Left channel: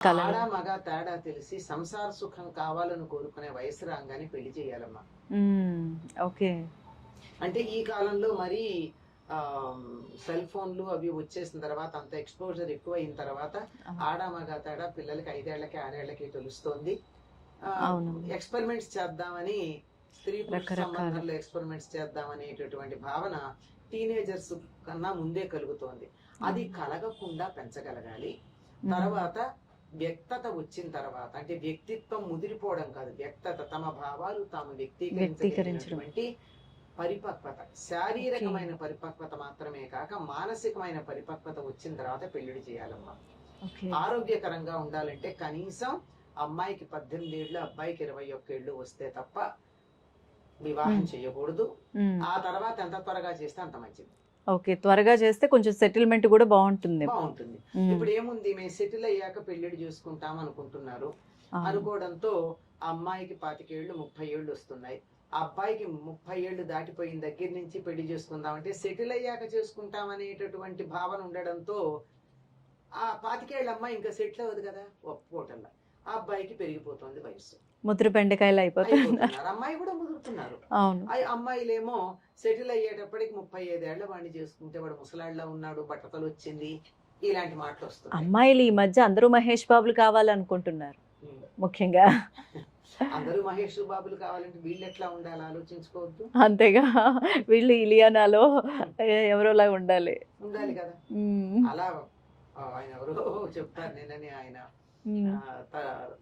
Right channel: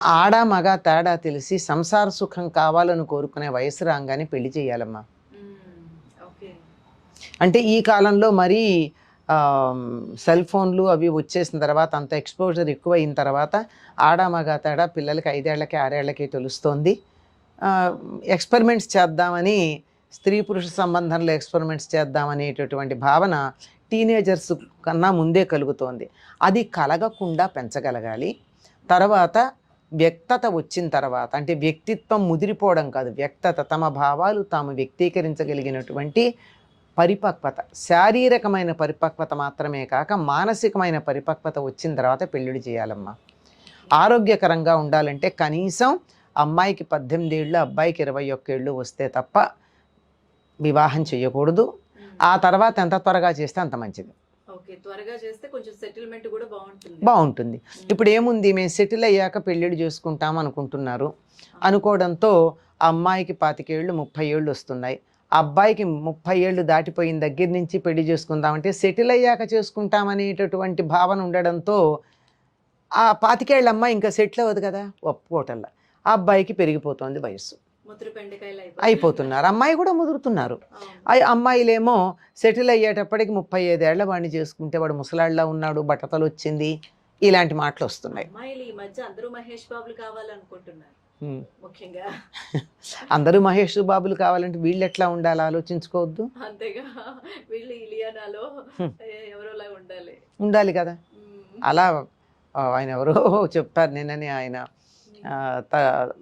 ఆడ మగ తేడా తెలిసి సంసార సుఖం కావాలని కోరుకునే వయసు రాగానే పెళ్లి చేయాలమ్మా. ఓకే. అంటే ఈ కాలంలో మరీ సెల్ ఫోన్లు అవి వచ్చేసిన తర్వాత అంత ఎక్స్పోజర్ ఎక్కువ అయిన తర్వాత ఆడ మగ తేడా పిల్లలకి 5 ఏళ్లకి 6 ఏళ్లకి తెలుస్తోంది. ఎక్స్పెరిమెంట్స్ చేద్దామని స్త్రీ పురుష సంబంధంలో ఎక్స్పెరిమెంట్స్ చేద్దామనేటటువంటి భావన టీనేజర్స్ కన్నా ముందే కలుగుతోంది. అది కలగకుండా పెంచగలగాలి. తర్వాత వ్యక్తత వచ్చిన తర్వాత, అంటే వ్యక్తిత్వం ముదిరిపోవడం కాదు, వ్యక్తత, తమ భావాలు తాము వ్యక్తీకరించగలిగినటువంటి పరిపక్వత, శారీరకమైన పరిపక్వత మాత్రమే కాక మానసికమైన పరిపక్వత వచ్చిన తర్వాత పెళ్ళిళ్ళు చేయాలమ్మా. ఆరోగ్యకరంగా ఉండాలంటే కనీసం అమ్మాయికి 18 ఏళ్ళు అబ్బాయికి 21 ఏళ్ళు వస్తే తప్ప వివాహం చేయకూడదు. ఆ తర్వాత ఎంత త్వరగా చేస్తే అంత మంచిది. ఓకే, త్వరగా చేస్తే కొంచెం సెటిల్మెంట్ కూడా బాగుంటుంది. ఇప్పుడు ఏముంది, మేము సెటిల్ అయ్యాక పెళ్ళిళ్ళు చేసుకుంటాం అనుకుంటున్నారు. అనుకోవడంతో అమ్మాయికి 25 ఏళ్ళు 30 ఏళ్ళు వస్తున్నాయి. అబ్బాయికి 30 ఏళ్ళు దాటిపోయిన దగ్గర నుంచి పెళ్లి చేసుకుందామంటే సెటిల్ అయ్యాక చేసుకుంటామనేటటువంటి భావన ఉండడంతో ఆ 25 ఏళ్ళ అమ్మాయి ఇంకా సెటిల్ అవ్వదు కదా, ఒప్పుకోవటంలా. ఆ అబ్బాయికి పెరిగిపోతుంది వయస్సు, ముద్ర బెండకాయలు అయిపోతున్నారు. అమ్మాయి కూడా ముదురుతున్నారు. అమ్మాయిలేమో సెటిల్ అయ్యేటప్పటికి 35 ఏళ్ల వాడిని చేసుకుంటే వాడు ముసలాళ్ళ ఉన్నాడు, బట్టతలు వచ్చింది, ఇలాంటి మాటలు వస్తున్నాయి. అమ్మాయిలు ఈ మధ్య అందరూ మహేష్ బాబులు కావాలనుకుంటున్నారు. ముఖ్యంగా అందరూ మహేష్ బాబులు కావాలంటే వీళ్ళు ఎట్లా ఉండాలి ఆలోచించుకోవద్దు. అంతేగా, వీళ్ళు ఇలియానాలో ఎవరోలా ఉండాలి కదా. అలా ఆయన ఎవరో చెప్పారు నిన్ననే, ఆయన